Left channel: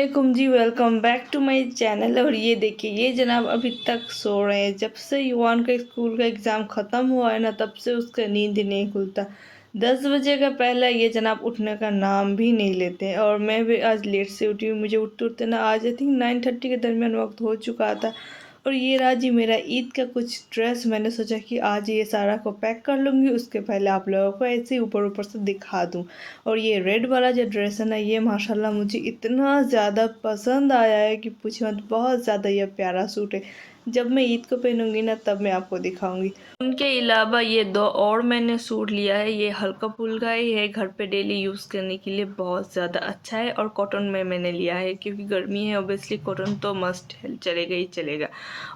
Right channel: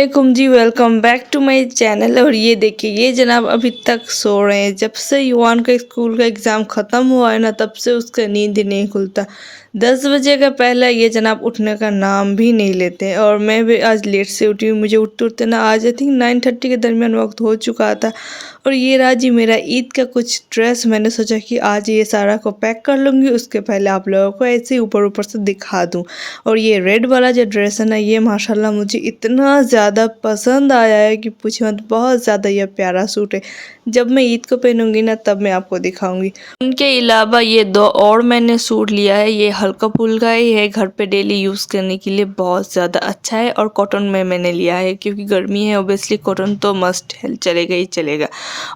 वालेकुम जी, welcome back to my channel. और ये देखिए, ये जनाब अभी तक सो रहे हैं। जब से युवान का स्कूल का एग्ज़ाम ख़त्म हुआ है ना, तब से उसका नींद ही नहीं खुलता। 10 बजे का पहले ये जनाब उठने का नाम भी नहीं लेते हैं। और मैं भी आज लेट से उठी हूँ। मुझे उठते उठते ना आज आई थिंक 9:30 के दरमियान वक्त हो चुका था। और ये रहा जी मेरा ईद का कुछ ड्रेस। मैंने सोचा कि आज ये सारा को पैक कर लूँगी, उसके पहले आप लोगों को ऐसे ही ऊपर ऊपर से दिखा दूँ। और ये रेड वाला जो ड्रेस है ना, ये माशाल्लाह मुझे इतना ज़्यादा पसंद आया है कि पूछे मत। बहुत ज़्यादा ये प्यारा सूट है। जब मैं ईद को पहनूंगी ना, तब मैं आपको दिखाऊंगी। उनके अलावा ये दो और मैंने सूट लिया है। ये हल्का फुल्का ही है, घर पे डेली यूज़ करने के लिए बहुत ज़्यादा अच्छा है। और कॉटन में मैंने लिया है क्योंकि गर्मी है, ओबियसली कॉटन तो मस्ट है, चलेगा ही चलेगा।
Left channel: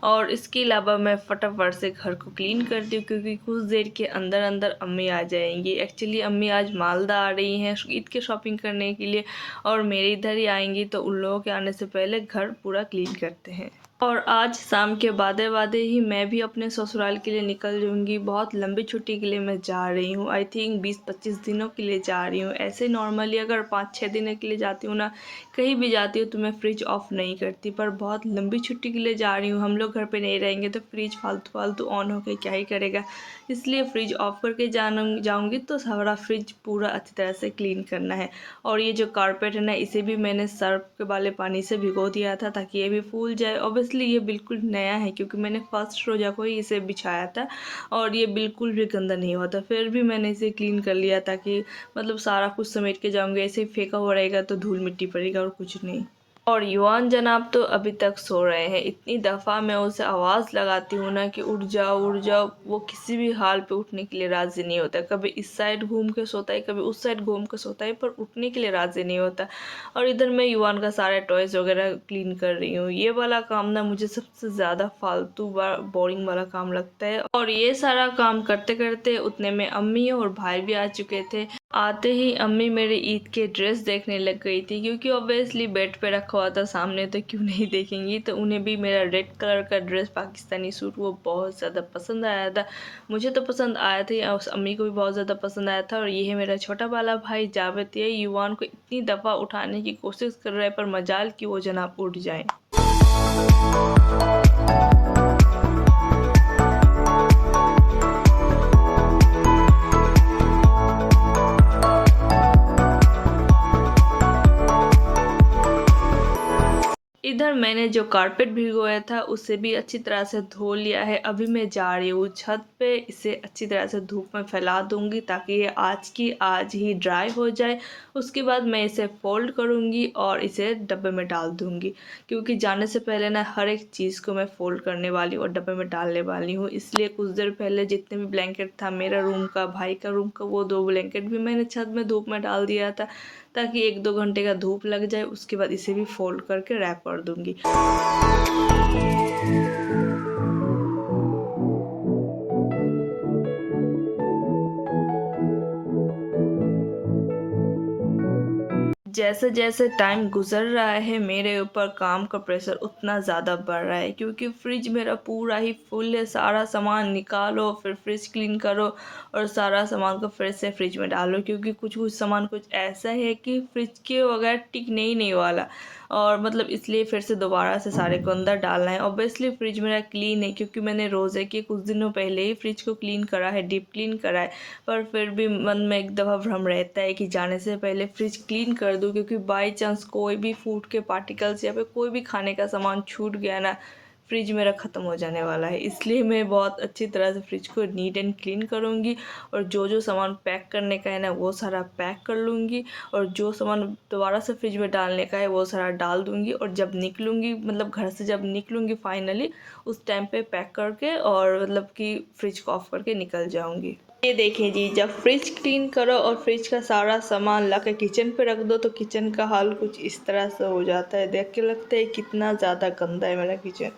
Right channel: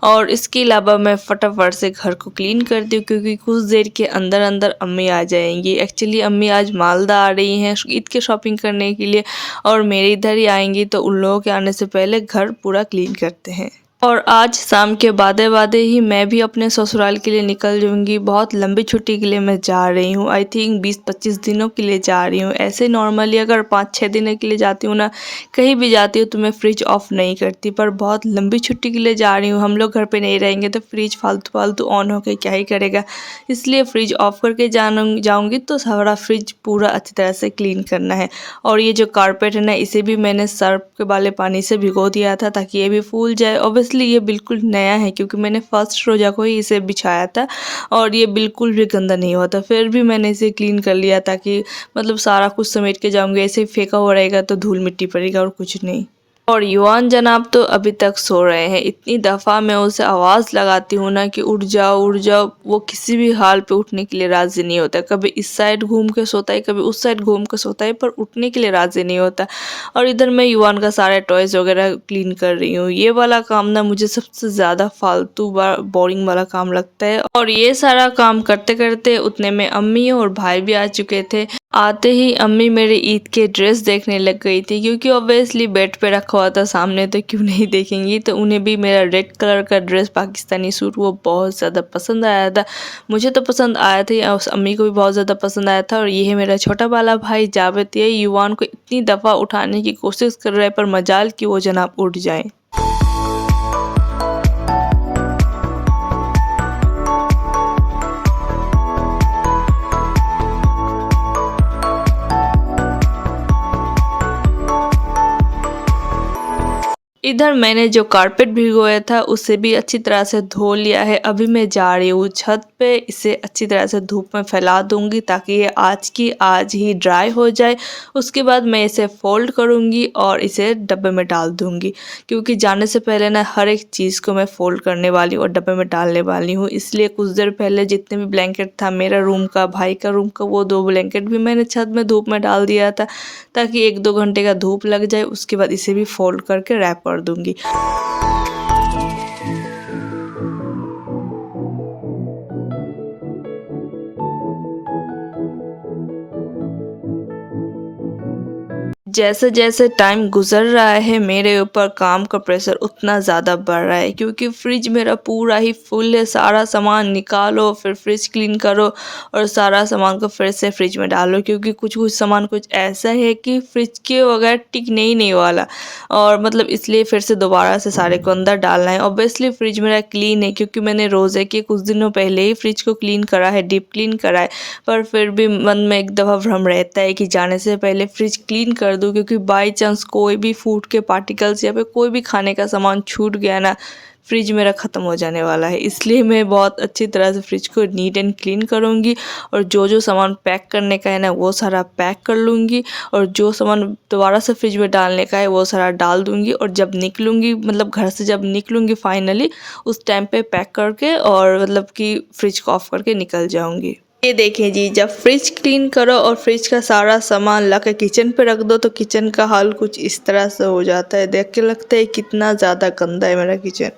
और इसके अलावा मैं फटाफट से घर को क्लीन करती हूँ क्योंकि कुछ देर के अंदर अंदर अम्मी आ जाएंगी। एक्चुअली अम्मी आज मालदा आ रही हैं ईद के शॉपिंग करने के लिए, और मेरे इधर ही आएंगी, तो उन लोगों के आने से पहले घर पूरा क्लीन करते हैं। और आज शाम के बादे बादे ही मैं भी अपने ससुराल के लिए निकल जाऊंगी। बहुत लंबी छुट्टी के लिए मैं जा रही हूँ। आई थिंक 20-25 दिनों के लिए जा रही हूँ। ऐसे नॉर्मली अगर 5-6 दिनों के लिए जाती हूँ ना, कहीं भी जाती हूँ, तो मैं फ्रिज ऑफ नहीं करती। पर बहुत लंबी छुट्टी के लिए जा रही हूँ, हम लोग घर पे नहीं रहेंगे तो फ्रिज फालतू फालतू ऑन होकर क्या ही करेगा। इसलिए फ्रिज ऑफ करके जाऊँगी तो सारा फ्रिज पूरा अच्छी तरह से क्लीन करना है। और ये जो कारपेट है ना, इसे भी मैंने सर्फ के वाले पानी से भिगो दिया था ताकि ये भी फूल जाए। ऑब्वियसली ये बिल्कुल नया है क्योंकि मैंने फर्स्ट रोज़ा को ही इसे बिछाया था, और ये बिल्कुल भी गंदा नहीं हुआ था। फिर भी मैंने इसे क्लीन कर लिया ताकि मतलब सारा कुछ समेट के जाऊंगी। ऐसे ही फेंका हुआ रहेगा तो धूल मिट्टी पड़ेगा और कुछ नहीं। और युवान जनाब तो अभी तक सो रहे हैं। इतनी दफ़ा मैं उसे आवाज़ लगाती हूँ ना कि उठ जाओ उठ जाओ, वो किसी भी हाल पे उठने के लिए राज़ी नहीं होता। कभी इस साइड घूम के सोता है, कभी उस साइड घूम के सोता है, पर उठने के लिए राज़ी नहीं होता। और इधर मैं युवान का सारे टॉयज़ वगैरह क्लीन कर रही हूँ। ये वाला काम ना मुझे सबसे ज़्यादा फालतू बोरिंग वाला काम लगता है। और ये सारा काम करते करते उतने में अम्मी और भाई भी आ चुके थे। आते ही अम्मी मेरे ईद के ड्रेस देखने लग गई थी क्योंकि ऑब्वियसली बेड पे रखा हुआ था सामने, तो क्यों नहीं देखेंगी। तो उन्हें भी मेरा रेड कलर का ड्रेस पाकिस्तानी सूट वो बहुत ज़्यादा पसंद आया था। मुझे तो पसंद आया था, और अम्मी को भी बहुत ज़्यादा पसंद आया था। और ये है मेरा छोटा वाला भाई जावेद। ये युवान को इतनी दफ़ा उठाने की कोशिश कर रहा है, पर मजाल कि वो जनाब उठ जाए। इधर मैंने जो कारपेट भिगोया था उसे भी अच्छी तरह से धो लिया है। अभी मैं जा रही हूँ छत पे, इसे अच्छी तरह से धूप में फैला दूंगी ताकि ये आज की आज ही ड्राई हो जाए। उसके बाद मैं इसे फोल्ड करूँगी और इसे डब्बे में डाल दूँगी, क्योंकि जाने से पहले ना हर एक चीज़ को मैं फोल्ड करने वाली हूँ और डब्बे में डालने वाली हूँ। इसलिए कुछ देर पहले जितने भी ब्लैंकेट था, मेरा रूम का, भाई का रूम का, वो 2 ब्लैंकेट भी मैंने छत में धूप में डाल दिया था ताकि 1-2 घंटे का धूप लग जाए। उसके बाद इसे भी फोल्ड करके रैप कर दूंगी। जैसे जैसे टाइम गुजर रहा है, मेरे ऊपर काम का प्रेशर उतना ज़्यादा बढ़ रहा है क्योंकि फ्रिज मेरा पूरा ही फुल है। सारा सामान निकालो, फिर फ्रिज क्लीन करो, और सारा सामान को फिर से फ्रिज में डालो, क्योंकि कुछ कुछ सामान कुछ ऐसा है कि फ्रिज के बगैर टिकने ही नहीं वाला। और मतलब इसलिए फिर से दोबारा से सारे को अंदर डालना है। ऑब्वियसली फ्रिज मेरा क्लीन है क्योंकि मैंने रोज़े के कुछ दिनों पहले ही फ्रिज को क्लीन करा है, डीप क्लीन करा है। पर फिर भी मन में एक दफ़ा भ्रम रहता है कि जाने से पहले फ्रिज क्लीन कर दूँ, क्योंकि बाई चांस कोई भी फूड के पार्टिकल्स या फिर कोई भी खाने का सामान छूट गया ना, फ्रिज मेरा ख़त्म हो जाने वाला है। इसलिए मैं बहुत अच्छी तरह से फ्रिज को नीट एंड क्लीन करूँगी, और जो जो सामान पैक करने का है ना, वो सारा पैक कर लूँगी, और जो सामान दोबारा से फ्रिज में डालने का है वो सारा डाल दूँगी। और जब निकलूँगी, मतलब घर से जब निकलूँगी फाइनली, उस टाइम पे पैक करके और मतलब कि फ्रिज को ऑफ करके निकल जाऊँगी। ये देखिए जी, जब फ्रिज क्लीन करो और फ्रिज का सारा सामान ला के किचन पे रख दो तो किचन का हाल कुछ इस तरह से हो जाता है। देख के लगता है कितना ज़्यादा गंदा है मेरा किचन।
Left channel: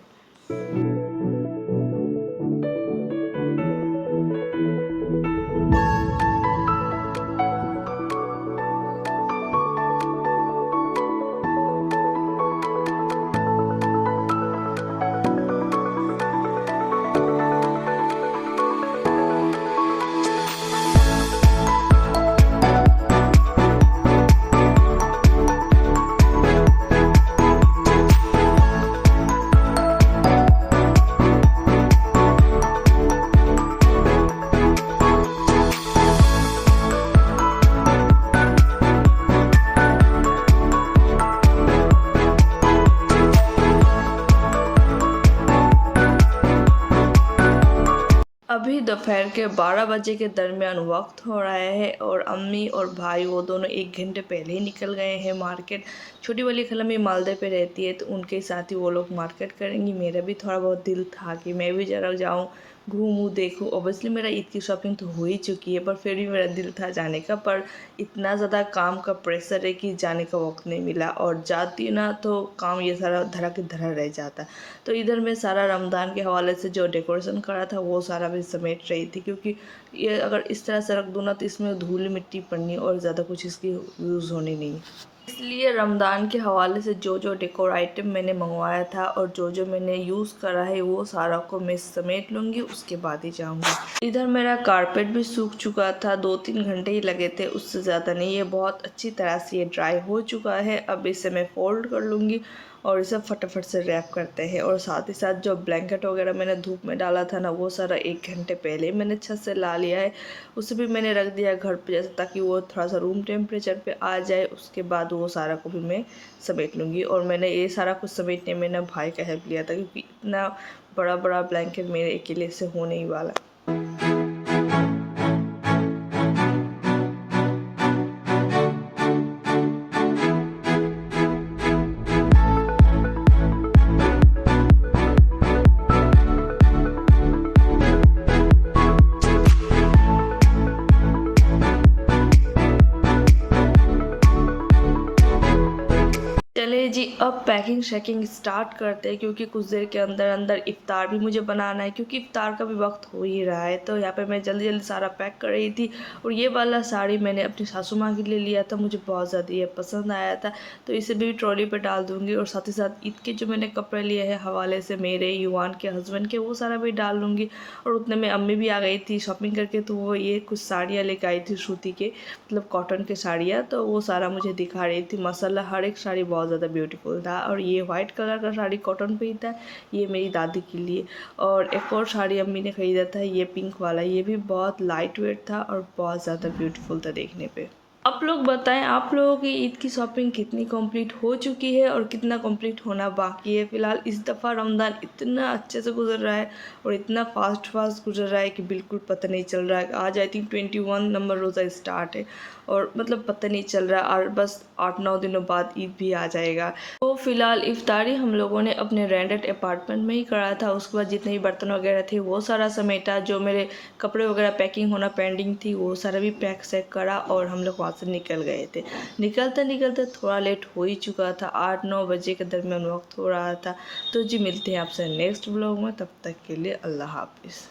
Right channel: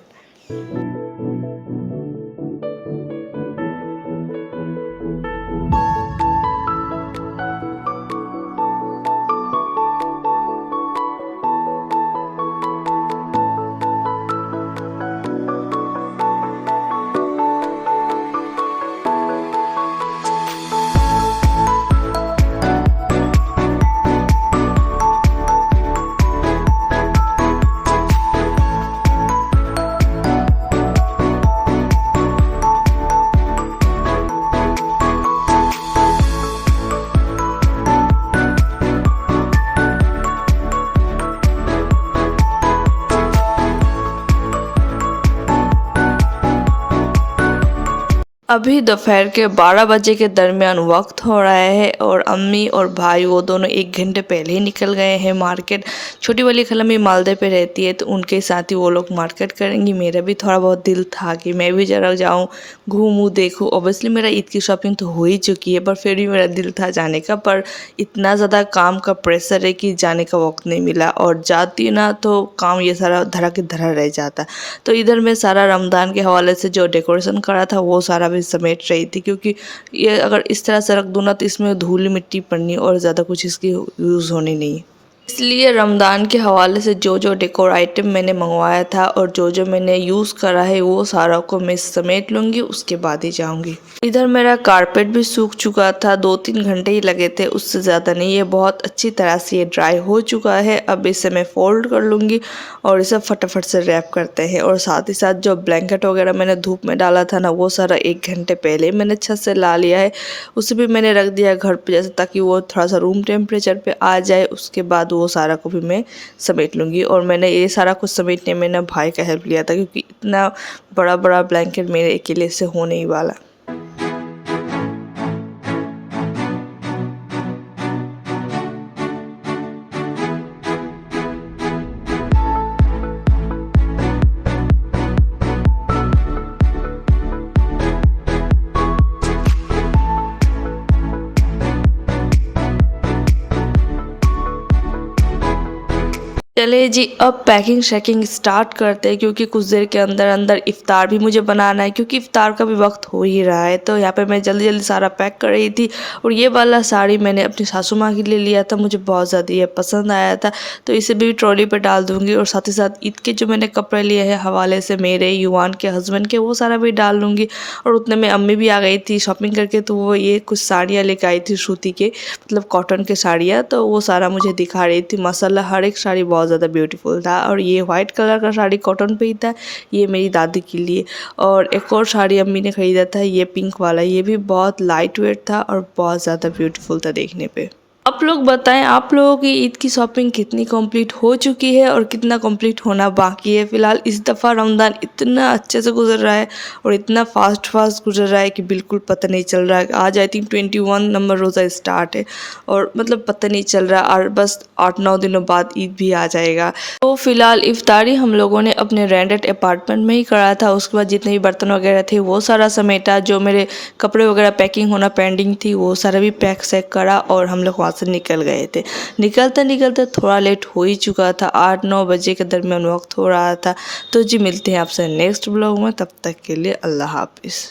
अभी दोपहर के 12 बजे के दरमियान वक्त हो रहा है और अम्मी और भाई वो दोनों 1 घंटे पहले ही निकल गए हैं मार्केट। छोटी वाली खलम्मी मालदे पे रहती है तो उनके साथ ही वो लोग मार्केट करेंगी। मेरा भी थोड़ा बहुत दिल था कि मैं भी ज़रा जाऊँ, घूमूँ, देखूँ। ऑब्वियसली मेरा ईद की शॉपिंग तो हो ही चुकी है, पर फिर भी मेरा दिल था जाने का, पर इतना ज़्यादा काम का प्रेशर है कि जाने का वक्त नहीं मिला, और जाती ना तो काम ये सारा धरा के धरा रह जाता। तो इधर मैं सारा रमज़ान के हवाले से जो डेकोरेशन करा था वो सारा भी समेट रही थी, क्योंकि ये अगर इस तरह से रख दूँ ना तो इसमें धूल मिट्टी पड़नी और ज़्यादा कुछ इसकी यूज़ होनी नहीं। इसलिए रमज़ान के हवाले से जो जो डेकोर आइटम मैंने मंगवाया था और जो जो मैंने यूज़ करा है वो सारा को मैं समेट लूँगी, उसके बाद ही जाऊँगी। इधर मेरा कारपेट भी सूख चुका था, 2-3 घंटे ही लगे थे, उससे ज़्यादा नहीं। ये बहुत अच्छी तरह से ये ड्राई हो चुका है। अब इसे मैं फ़ोल्ड कर लूँगी और इसे फटाफट से रैप करते हैं। और साथ ही साथ जो ब्लैंकेट वगैरह मैंने धूप में डाला था ना, वो सारा 1 घंटे पहले मैंने छत से ला लिया है। उसे भी मैंने रख दिया घर पे, जैसे ताकि वो थोड़ा सा रूम टेम्परेचर पे आ जाए। उसके बाद वो सारा को भी मैं समेट लूँगी। और मैंने ये सारा कुछ समेटने में ना भाई का हेल्प लिया था, क्योंकि इतना बड़ा बड़ा ब्लैंकेट मेरे अकेले से होने ही वाला। चलिए जी, अब पैकिंग शैकिंग स्टार्ट करते हैं, क्योंकि कुछ देर के अंदर अंदर इफ़्तार भी मुझे बनाना है, क्योंकि इफ़्तार का भी वक्त हो ही रहा है। तो यहाँ पे मैं जल्दी जल्दी सारा पैक कर रही थी। और ये वाला साड़ी मैंने अपनी सासू माँ के लिए लिया था, मुझे बहुत ज़्यादा ये पसंद आया था, तो इसे भी ट्रॉली पे डाल दूँगी। और साथ ही साथ ईद के जो मैंने कपड़े लिए हैं हवाले से मेरे, युवान के हस्बैंड के, वो सारा भी डाल लूँगी। और उतने में अम्मी भी आ गई थी शॉपिंग करके, तो वो ये कुछ साड़ियाँ लेकर आई थी सूती के, मतलब कॉटन के साड़ियाँ, तो वो सारा मुझे दिखा रही थी। माशाल्लाह हर एक साड़ी बहुत ज़्यादा ब्यूटीफुल था। और ये वाइट कलर का साड़ी कॉटन पे ही था, ये मेरी दादी के लिए। और एक और साड़ी अम्मी ने ख़रीदा था, ये पिंक वाला, ये भी बहुत लाइट वेट था और बहुत ज़्यादा ब्यूटीफुल था देखने पे। आप लोग बताएं, आप लोगों की ईद की शॉपिंग कितनी कंप्लीट हो चुकी है और कितना कंप्लीट होना बाकी है। फ़िलहाल इस दफ़ा रमज़ान इतना अच्छे से गुजर रहा है और इतना फास्ट गुजर रहा है कि बिल्कुल पता नहीं चल रहा है। आज आई थिंक 21 नंबर रोज़ा स्टार्ट है और मतलब पता नहीं चल रहा, और बस 8-9 दिनों बाद ईद भी आ जाएगा। तो फ़िलहाल इफ्तारी हम लोगों ने अपने रेंटेड अपार्टमेंट में ही करा था। उसके बाद जितने भी बर्तन वगैरह थे वो सारा समेटा, जो मेरे कपड़े वगैरह पैकिंग होना पेंडिंग थी वो सारा भी पैक सैक करा, और हम लोग वहाँ से निकल गए थे। निकलते निकलते थोड़ा लेट हो ही चुका था, 8-9 बजे के दरमियान वक्त हो रहा था। तो जी मिलते हैं आपसे नेक्स्ट ब्लॉग में, तब तक के लिए अल्लाह हाफिज़।